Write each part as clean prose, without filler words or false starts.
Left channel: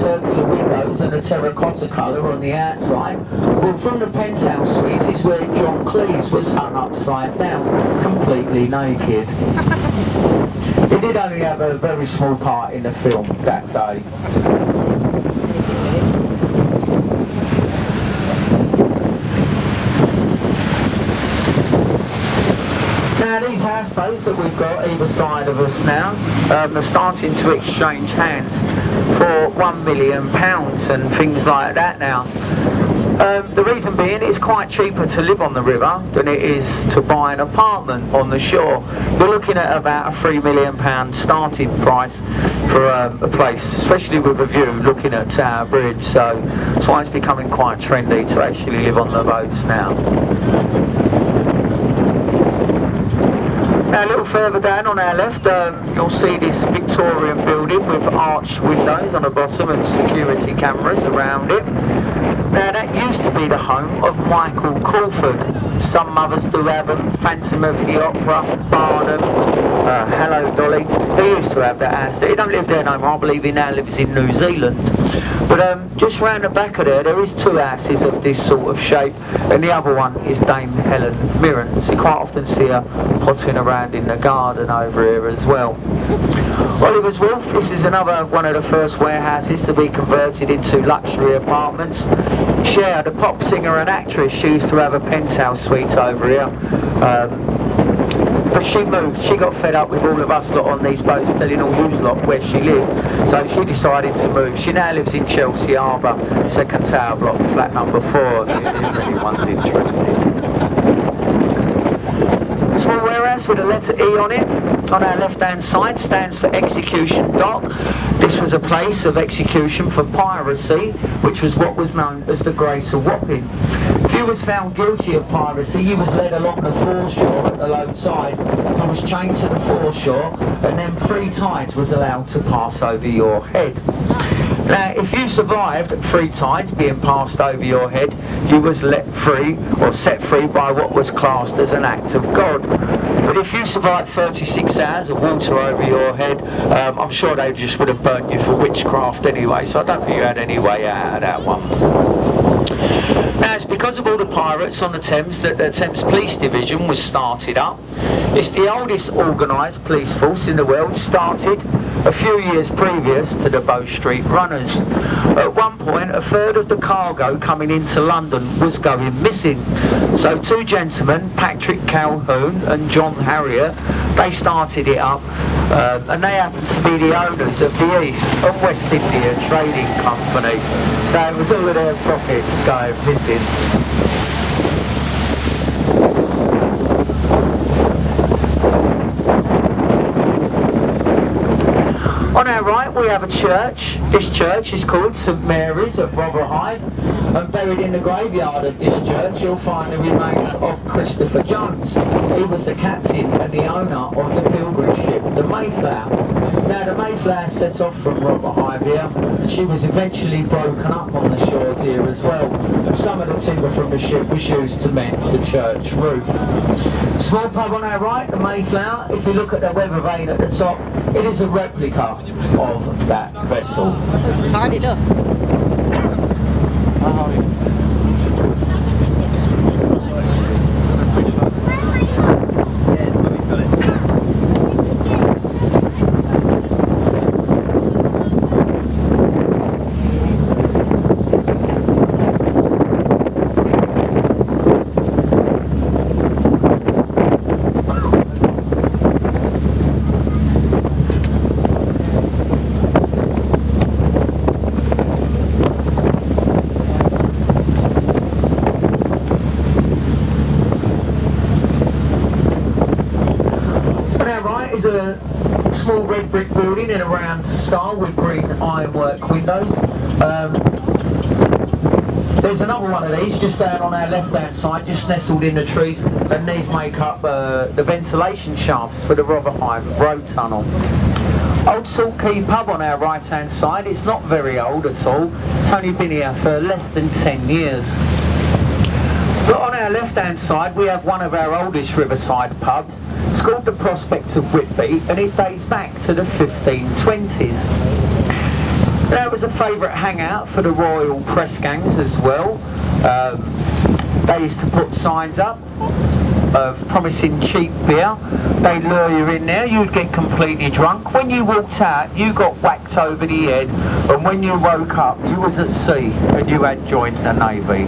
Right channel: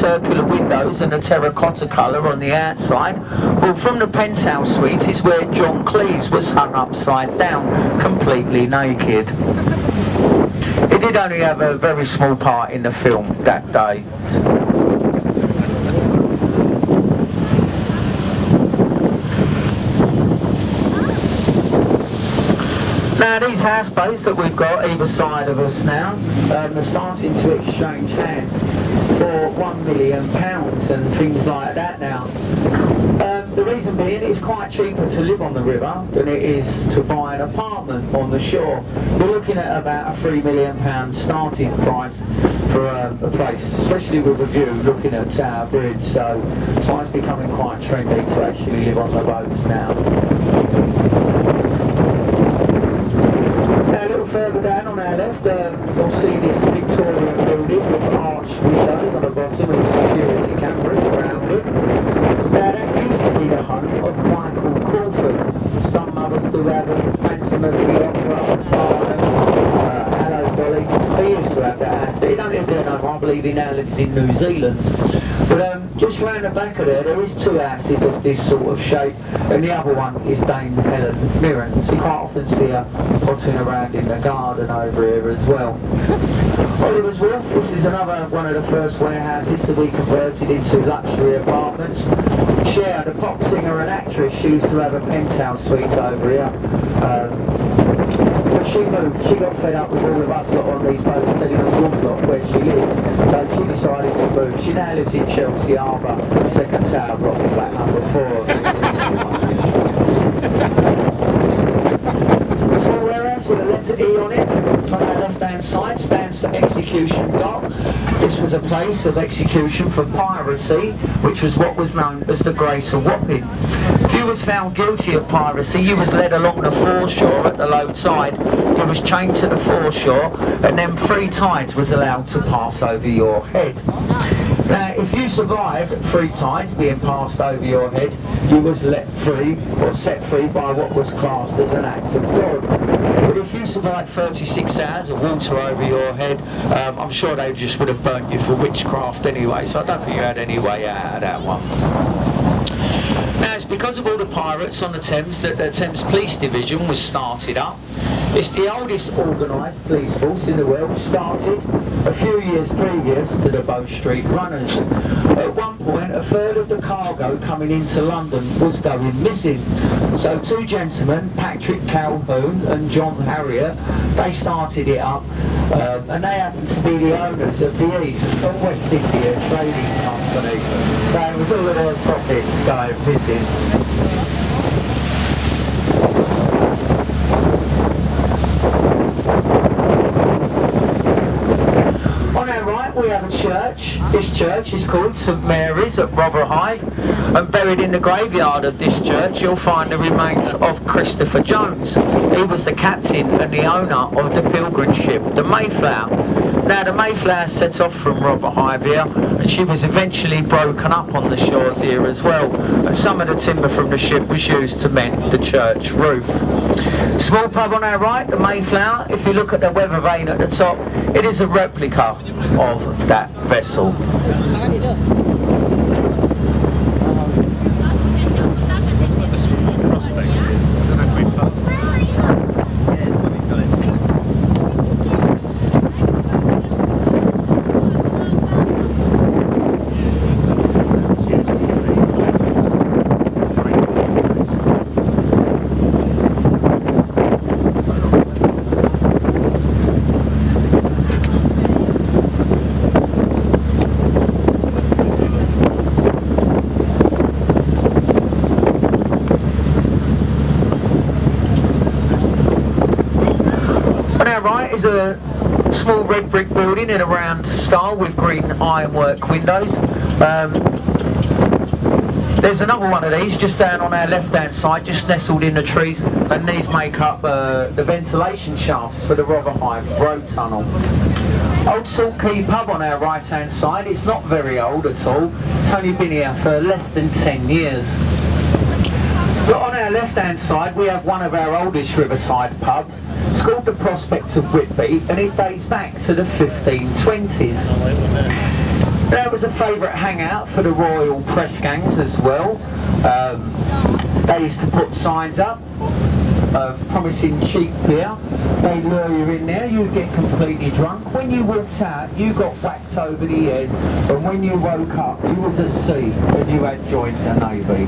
circular windows and a terracotta colour on the outside. Well, from the penthouse suite is where John Cleese was hung upside down, completely naked. He did only have a very small part in the film that day. Now these houseboats that we've got either side of us now are starting to exchange hands for £1 million and things like that now. The reason being it's quite cheaper to live on the river than it is to buy an apartment on the shore. You're looking at about a £3 million starting price for a place, especially with a view looking at Tower Bridge, so that's why it's becoming quite trendy to actually live on the boats now. Now a little further down on our left, you'll see this Victorian building with arched windows on the bottom and security cameras around it. Now that used to be the home of Michael Crawford. Some mothers do have them, Phantom of the Opera, Barnum, Hello Dolly. He used to have that house. He don't live there no more, I believe he now lives in New Zealand. But just round the back of there is two houses of this sort of shape, and the other one is Dame Helen Mirren's. You quite often see her potting around in the garden over here as well. Oliver's Wharf, this is another one of the first warehouses to be converted into luxury apartments. Cher, the pop singer and actress, she used to have a penthouse suite over here. But she moved, she got fed up with all of us lot on these boats telling all you lot where she lived, so she decided to move. She now lives in Chelsea Harbour, second tower block, flat number 4, if anyone's interested. Small warehouse with a letter E on it. On our left hand side stands for Execution Dock. This was a place of execution for piracy, which was what was known as the Grace of Wapping. If you was found guilty of piracy, you was led along the foreshore at the low tide, you was chained to the foreshore, and then 3 tides was allowed to pass over your head. Nice. Now, if you survived 3 tides being passed over your head, you was let free or set free by what was classed as an act of God. But if you survived 36 hours of water over your head, I'm sure they just would have burnt you for witchcraft anyway, so I don't think you had any way out of that one. Now it's because of all the pirates on the Thames that the Thames Police Division was started up. It's the oldest organised police force in the world, started a few years previous to the Bow Street Runners. At one point, a third of the cargo coming into London was going missing. So 2 gentlemen, Patrick Calhoun and John Harrier, they started it up, and they happened to be the owners of the East and West India Trading Company. So it was all of their profits going missing. On our right we have a church. This church is called St Mary's at Rotherhithe, and buried in the graveyard of this church you'll find the remains of Christopher Jones. He was the captain and the owner of the pilgrim ship, the Mayflower. Now the Mayflower set off from Rotherhithe here, and she was eventually broken up on the shores here as well, and some of the timber from the ship was used to mend the church roof. Small pub on our right, the Mayflower. If you look at the weather vane at the top, it is a replica of that vessel. It's tiny, look. Is a small red brick building in a round style with green ironwork windows. There's another one of these just down on our left hand side, just nestled in the trees, and these make up the ventilation shafts for the Rotherhithe road tunnel. Old Salt Quay pub on our right hand side. It's not very old at all, it's only been here for less than 10 years. But on our left hand side we have one of our oldest riverside pubs. It's called the Prospect of Whitby, and it dates back to the 1520s. That was a favourite hangout for the royal press gangs as well. They used to put signs up of promising cheap beer. They lure you in there, you'd get completely drunk. When you walked out, you got whacked over the head, and when you woke up, you was at sea and you had joined the Navy.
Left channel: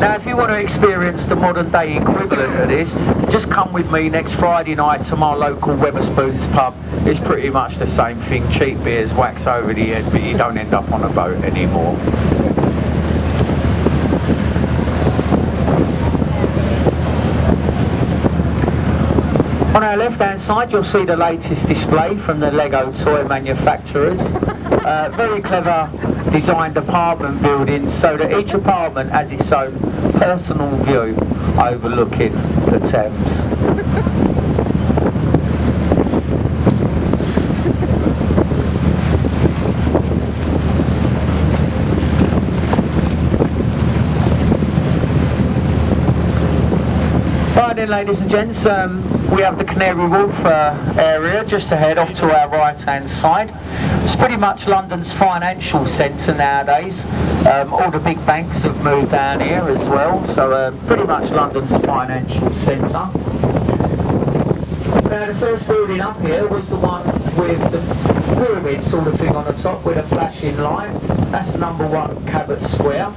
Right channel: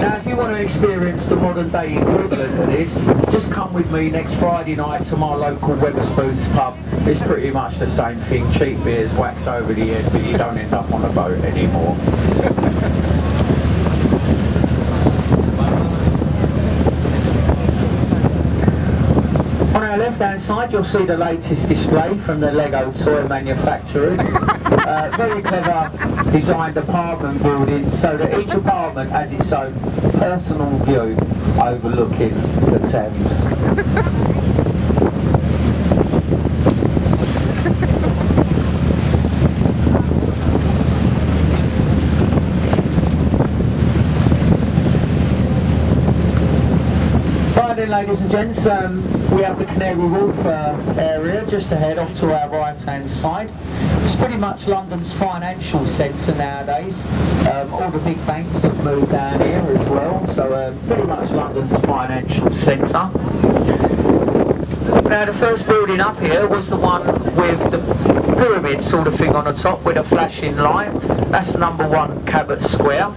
Now, if you want to experience the modern day equivalent of this, just come with me next Friday night to my local Wetherspoons pub. It's pretty much the same thing. Cheap beers, wax over the head, but you don't end up on a boat anymore. On our left-hand side, you'll see the latest display from the Lego toy manufacturers. Very clever designed apartment buildings so that each apartment has its own personal view overlooking the Thames. Right then, ladies and gents, we have the Canary Wharf area just ahead off to our right hand side. It's pretty much London's financial centre nowadays. All the big banks have moved down here as well, so pretty much London's financial centre. Now, the first building up here was the one with the pyramid sort of thing on the top with a flashing light. That's number 1 Cabot Square.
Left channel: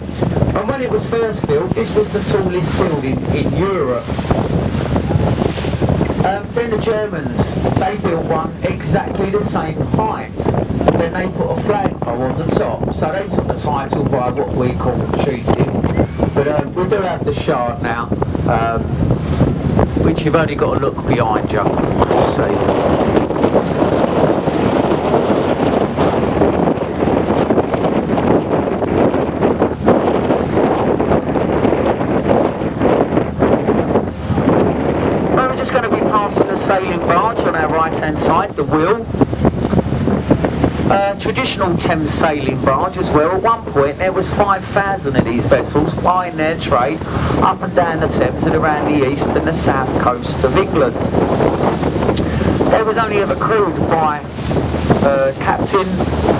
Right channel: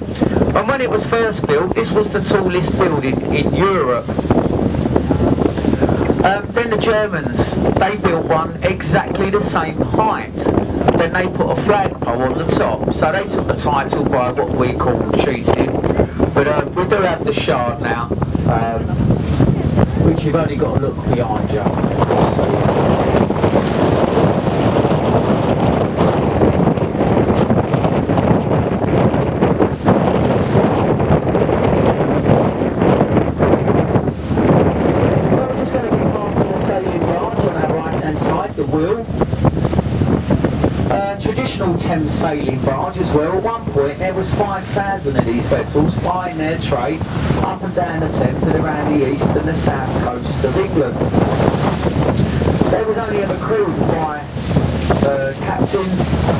And when it was first built, this was the tallest building in Europe. Then the Germans, they built one exactly the same height. Then they put a flagpole on the top. So they took the title by what we call cheating. But we do have the Shard now, which you've only got to look behind you to see. We're just going to be passing the sailing barge on our right hand side, the Wheel. Traditional Thames sailing barge as well. At one point there was 5,000 of these vessels plying their trade up and down the Thames and around the east and the south coast of England. They was only ever crewed by a captain,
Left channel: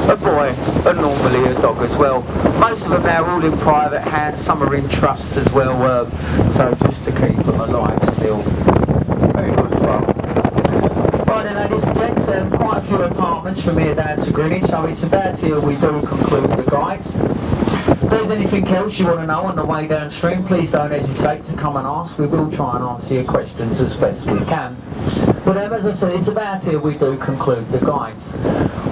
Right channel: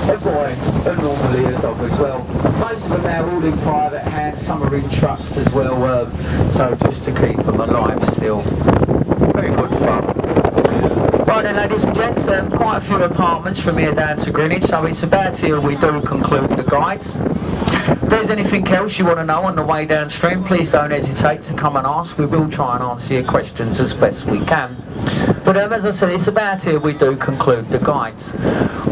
a boy and normally a dog as well. Most of them now are all in private hands, some are in trusts as well, so just to keep them alive still. Very good fun. Right then, ladies and gents, quite a few apartments from here down to Greenwich, so it's about here we do conclude the guides. If there's anything else you want to know on the way downstream, please don't hesitate to come and ask. We will try and answer your questions as best we can. But as I said, it's about here we do conclude the guides.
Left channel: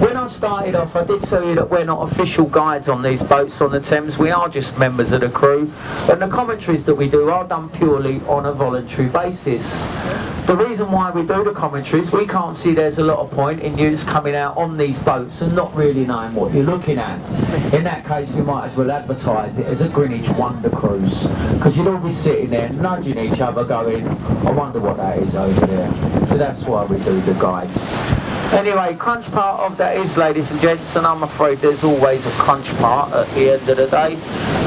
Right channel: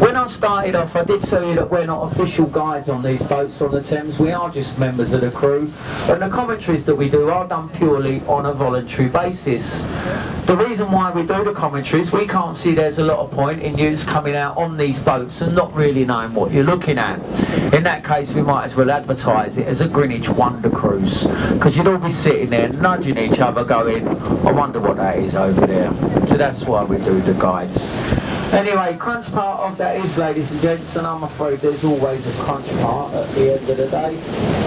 When I started off, I did tell you that we're not official guides on these boats on the Thames. We are just members of the crew, and the commentaries that we do are done purely on a voluntary basis. The reason why we do the commentaries, we can't see there's a lot of point in you just coming out on these boats and not really knowing what you're looking at. In that case, we might as well advertise it as a Greenwich Wonder Cruise, because you'd all be sitting there nudging each other going, I wonder what that is over there. So that's why we do the guides. Anyway, crunch part of that is, ladies and gents, and I'm afraid there's always a crunch part at the end of the day,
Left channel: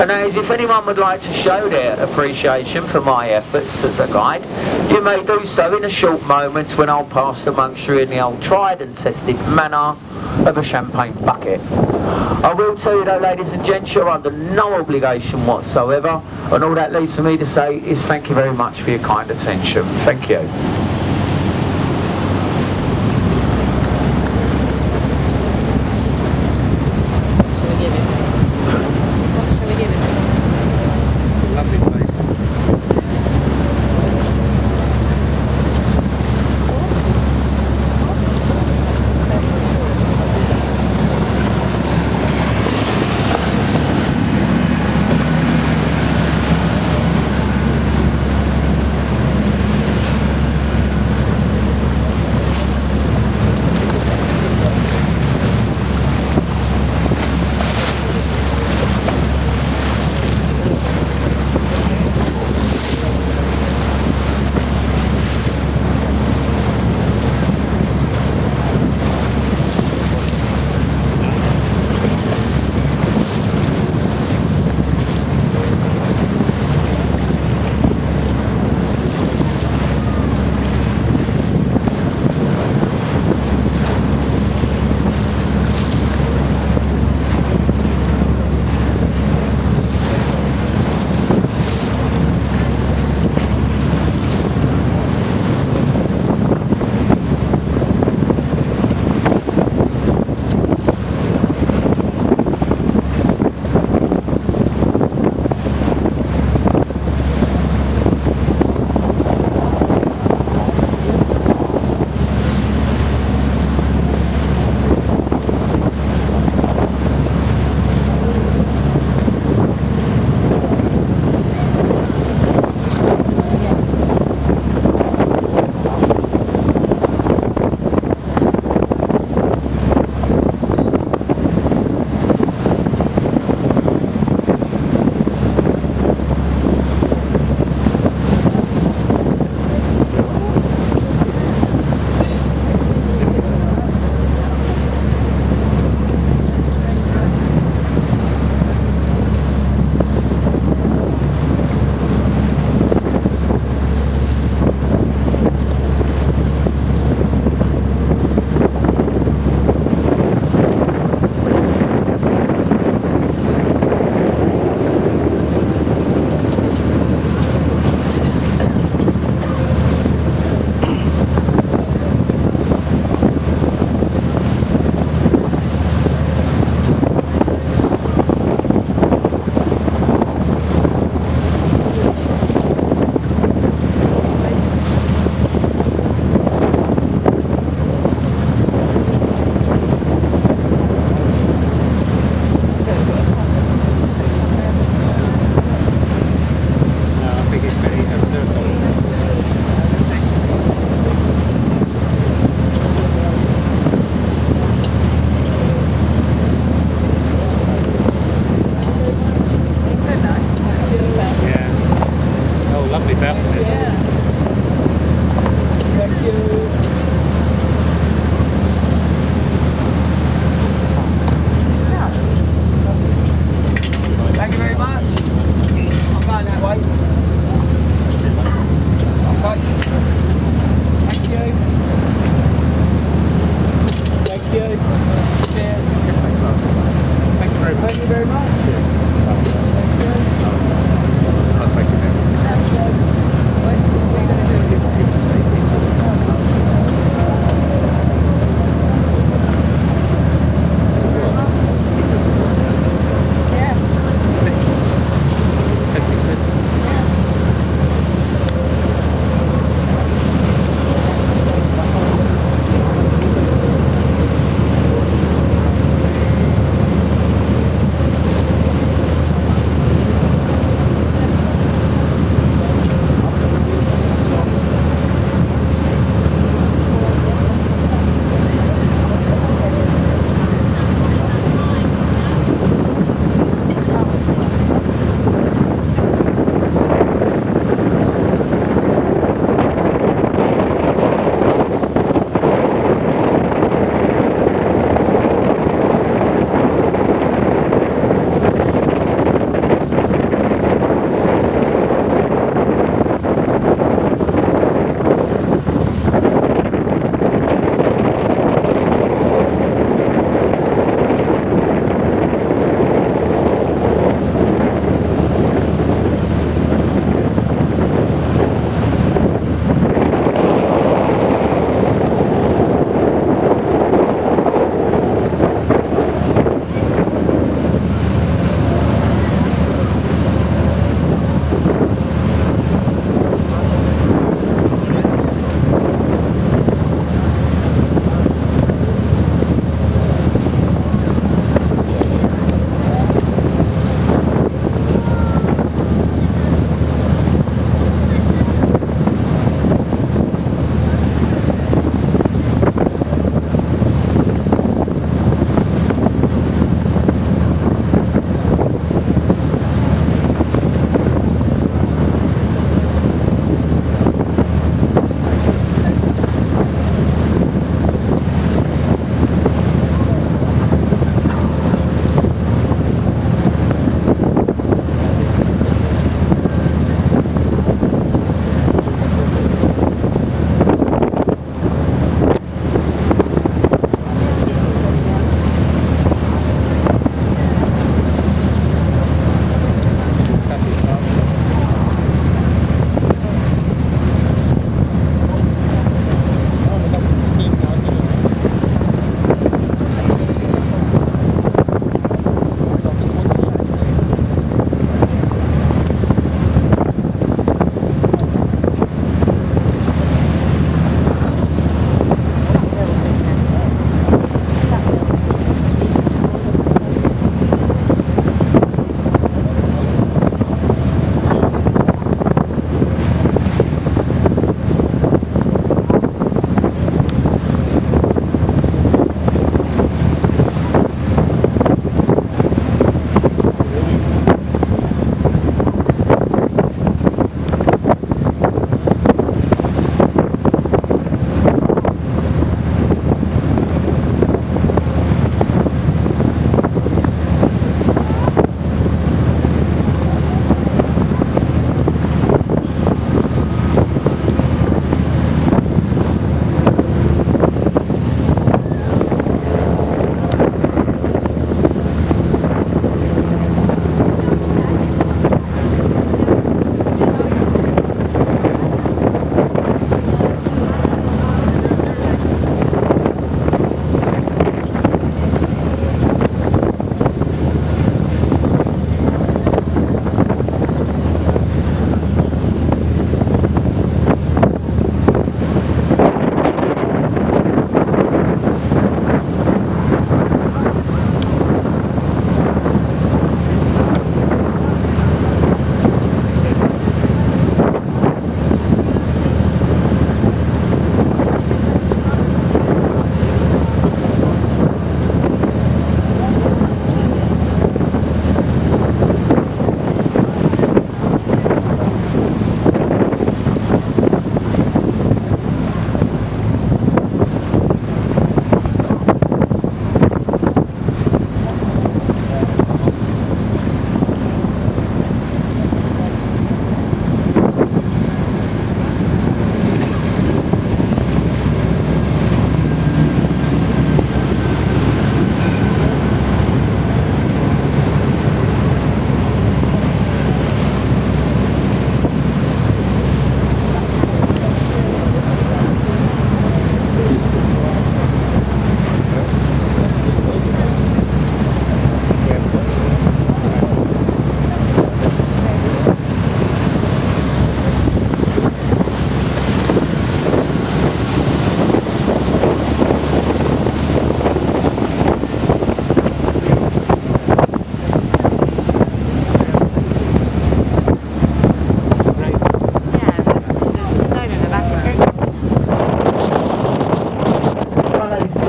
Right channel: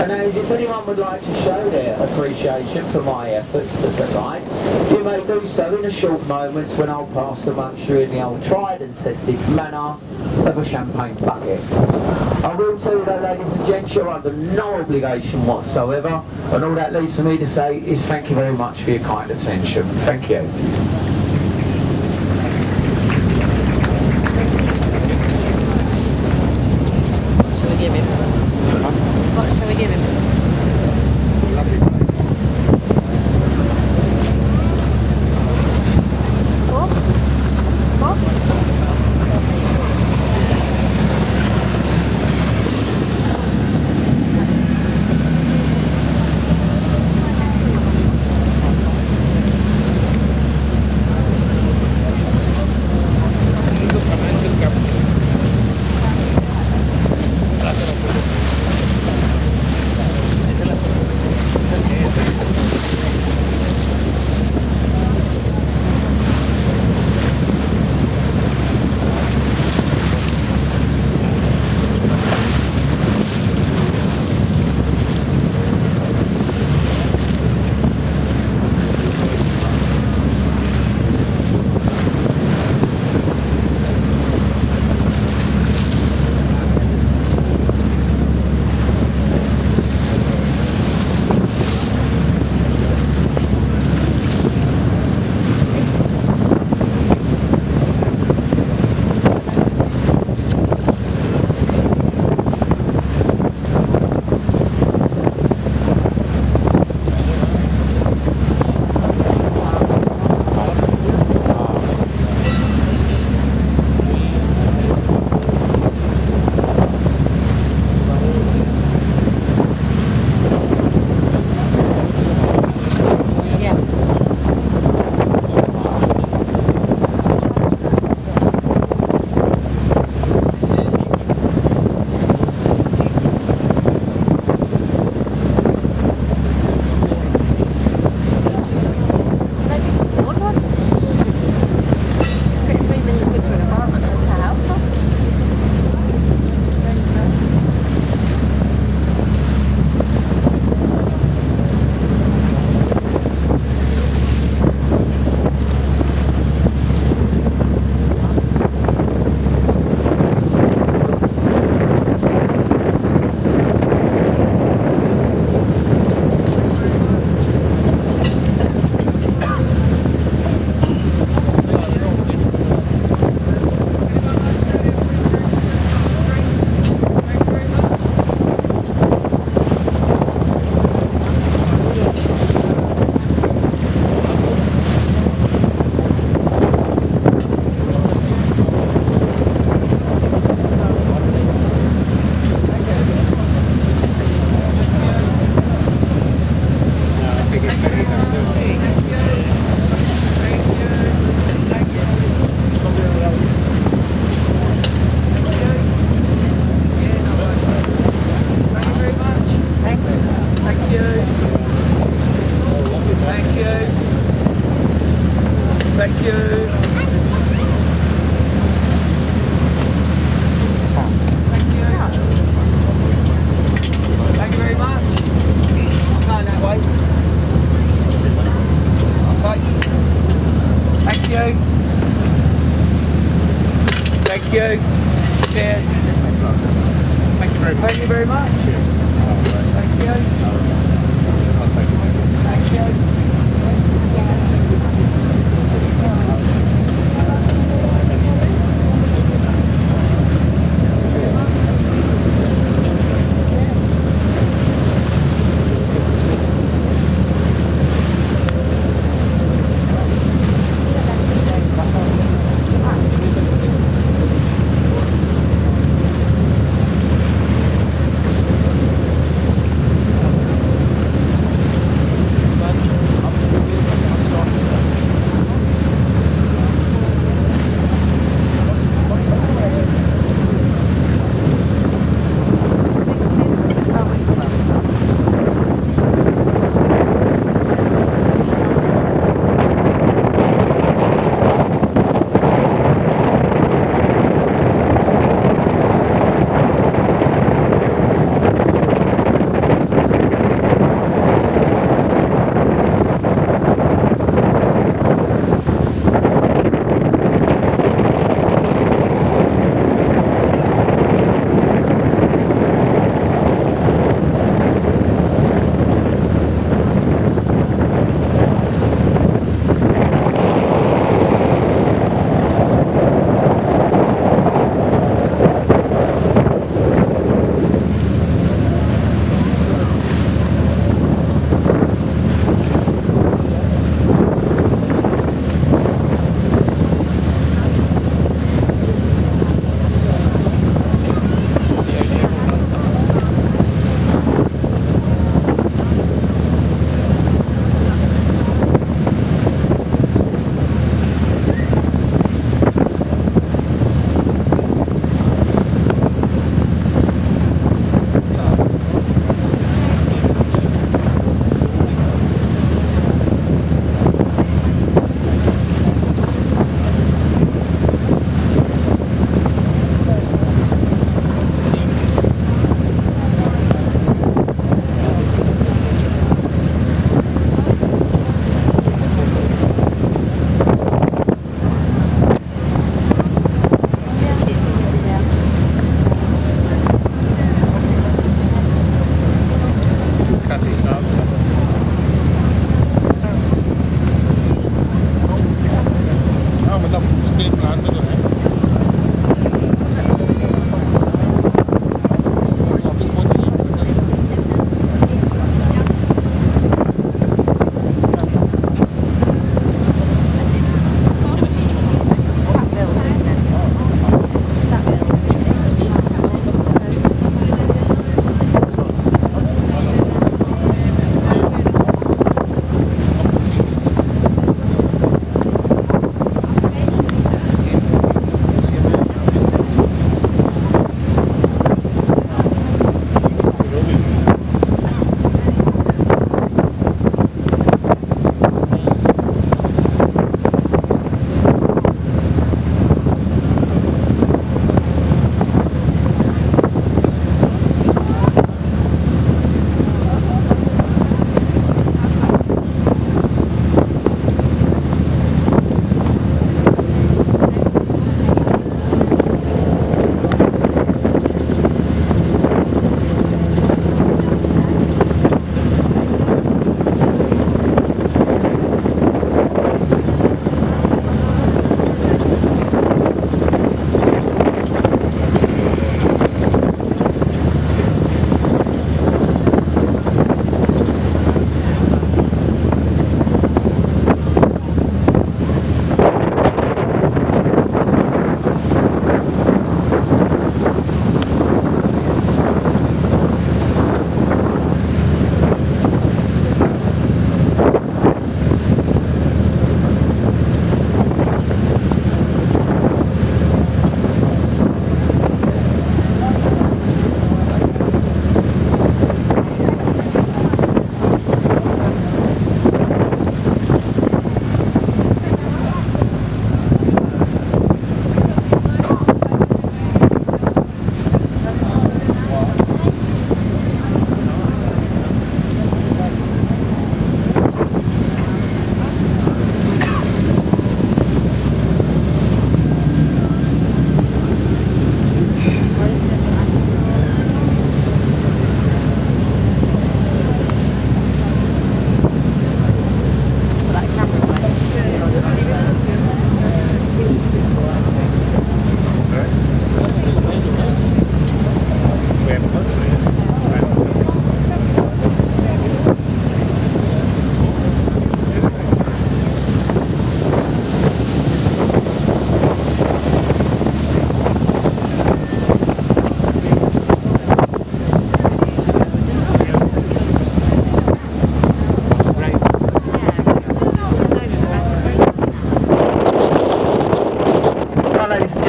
and that is if anyone would like to show their appreciation for my efforts as a guide, you may do so in a short moment when I'll pass amongst you in the old tried and tested manner of a champagne bucket. I will tell you though, ladies and gents, you're under no obligation whatsoever, and all that leaves for me to say is thank you very much for your kind attention. Thank you. Thank you very much. Thank you.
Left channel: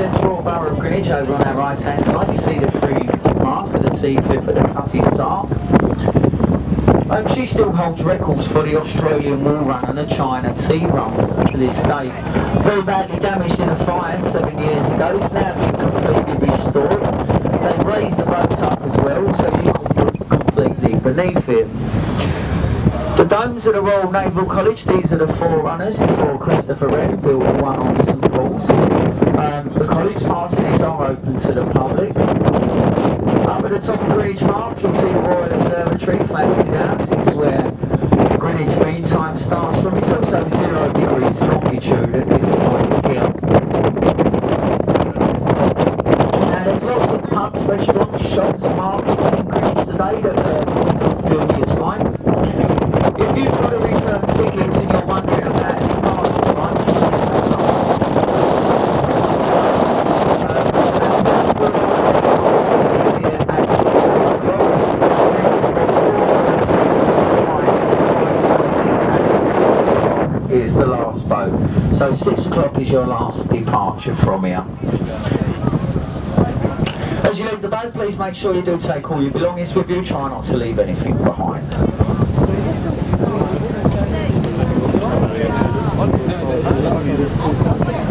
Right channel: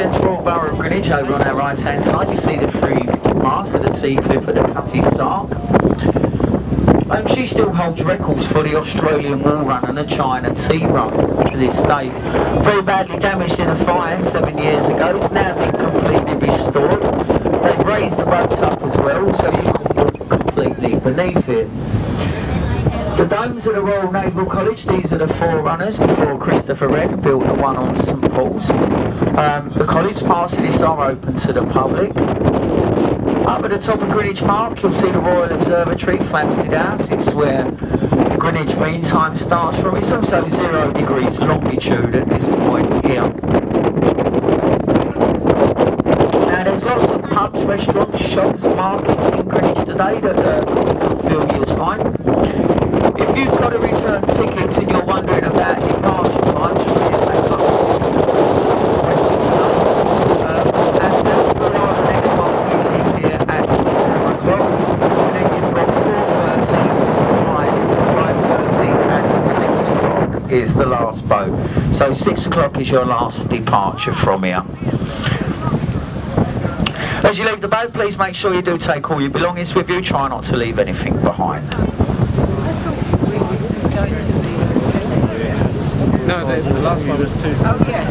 gents, Royal Borough of Greenwich over on our right hand side. You see the three masts of the T-clip at the Cutty Sark. She still holds records for the Australian Wall Run and the China Tea Run to this day. Very badly damaged in a fire 7 years ago. It's now been completely restored. They've raised the boats up as well, so you can walk completely beneath it. The domes of the Royal Naval College, these are the forerunners before Christopher Wren built the one on St Paul's. The college parts of this are open to the public. Up at the top of Greenwich Park, you'll see the Royal Observatory, Flamstead House. It's where Greenwich Mean Time starts from. It's also 0 degrees longitude at this point here. Now there's lots of pubs, restaurants, shops, markets in Greenwich today that fulfil your time. If you've got a return ticket and you're wondering about departure times from here back up to Westminster, ourselves, we are the next one. We leave here at 4 o'clock, and then you've got 4:30, 5:30 and 6 o'clock is the last boat. So 6 o'clock is your last departure from here. As you leave the boat, please make sure you do take all your belongings with you. Try not to leave anything behind. No, there's the last one. There's two. Oh, yes.